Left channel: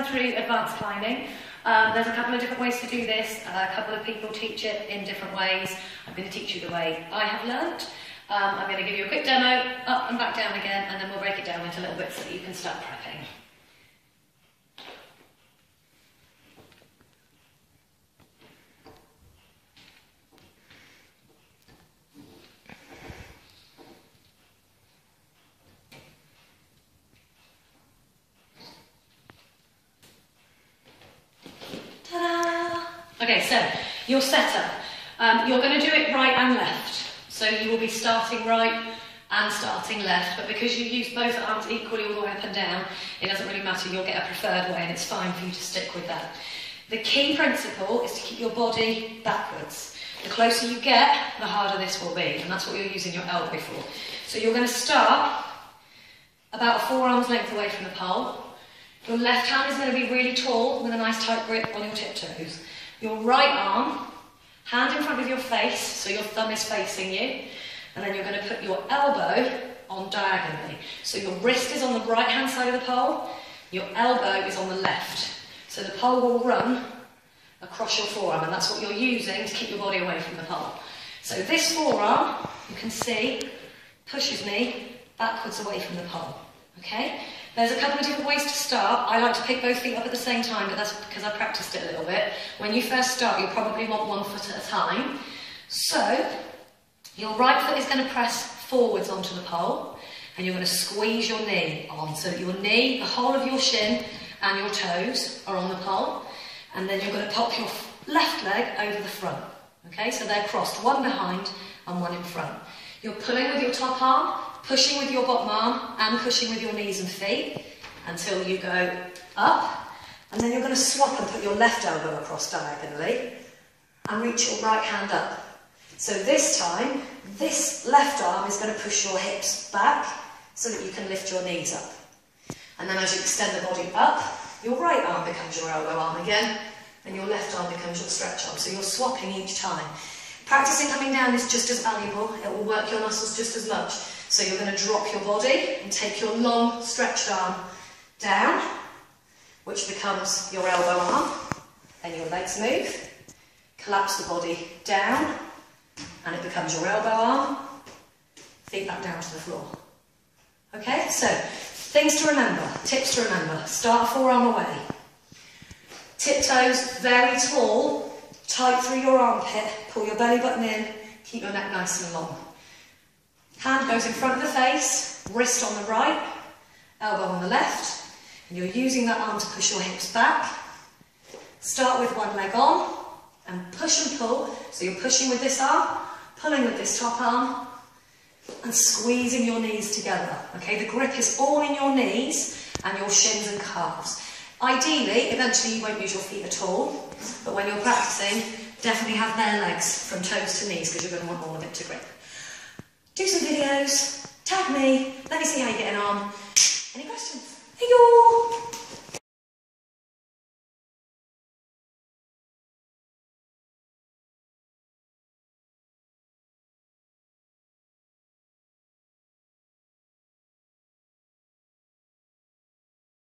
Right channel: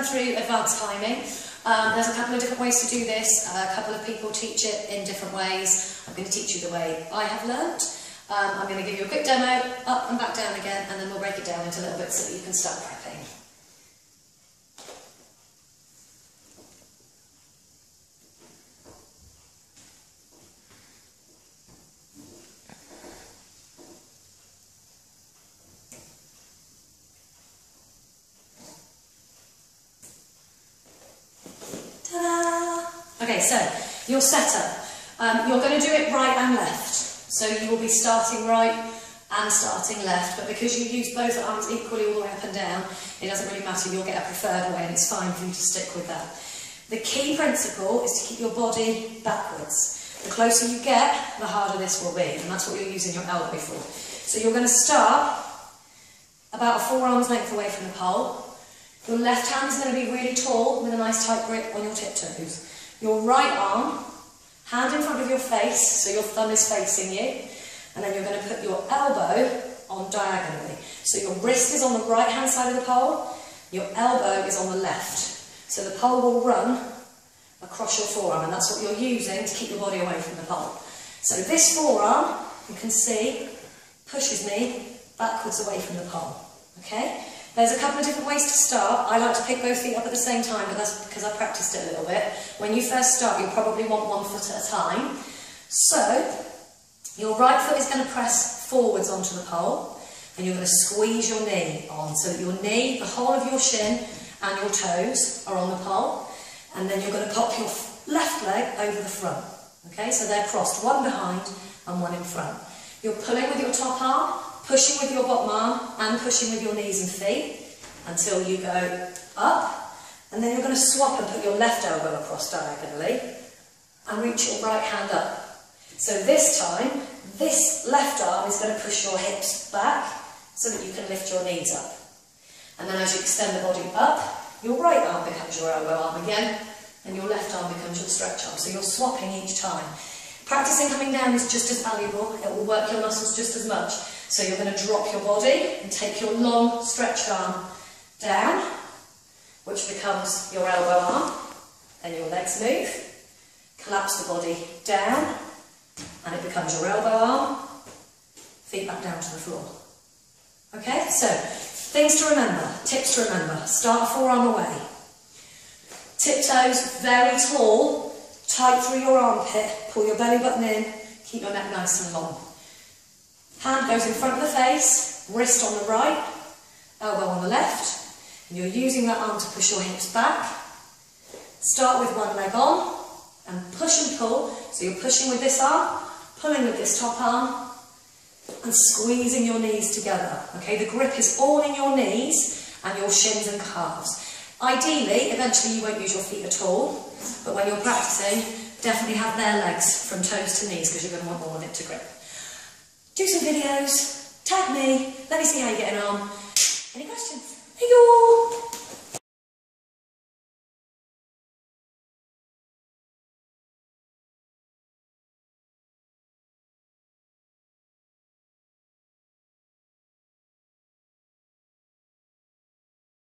run through advanced climbing. There's a couple of different ways to do this. A couple of people teach it in different ways. I'm going to teach you the way I have learnt. I'm going to give you a quick demo, up and back down again, and then we'll break it down into little bits so that you can start prepping. Ta-da! Okay, so your setup. You're going to do it right and left. So you will be starting right and starting left, but because you use both arms equally all the way up and down, it doesn't really matter, you'll get a preferred way and it's fine for you to stick with that. The key principle is to keep your body backwards. The closer you get, the harder this will be, and that's what you're using your elbow for. So you're going to start about a forearm's length away from the pole. Your left hand is going to be really tall with a nice tight grip on your tiptoes. Your right arm, hand in front of your face, so your thumb is facing you, and then you're going to put your elbow on diagonally. So your wrist is on the right hand side of the pole, your elbow is on the left. So the pole will run across your forearm, and that's what you're using to keep your body away from the pole. So this forearm, you can see, pushes me backwards away from the pole. Okay? There's a couple of different ways to start. I like to pick both feet up at the same time, but that's because I practiced it a little bit. When you first start, you'll probably want one foot at a time. So, your right foot is going to press forwards onto the pole, and you're going to squeeze your knee on, so that your knee, the whole of your shin and your toes are on the pole, and then you're going to pop your left leg over the front. Okay, so they're crossed, one behind and one in front. You're pulling with your top arm, pushing with your bottom arm and pushing with your knees and feet until you go up, and then you're going to swap and put your left elbow across diagonally and reach your right hand up. So this time, this left arm is going to push your hips back so that you can lift your knees up. And then as you extend the body up, your right arm becomes your elbow arm again, and your left arm becomes your stretch arm. So you're swapping each time. Practicing coming down is just as valuable. It will work your muscles just as much. So you're going to drop your body and take your long stretched arm down, which becomes your elbow arm. Then your legs move. Collapse the body down, and it becomes your elbow arm. Feet back down to the floor. Okay, so things to remember, tips to remember. Start a forearm away. Tiptoes very tall, tight through your armpit, pull your belly button in, keep your neck nice and long. Hand goes in front of the face, wrist on the right, elbow on the left, and you're using that arm to push your hips back. Start with one leg on, and push and pull, so you're pushing with this arm, pulling with this top arm, and squeezing your knees together. Okay, the grip is all in your knees and your shins and calves. Ideally, eventually you won't use your feet at all, but when you're practicing, definitely have bare legs from toes to knees because you're going to want all of it to grip. Do some videos, tag me, let me see how you're getting on. Any questions? Hey, y'all!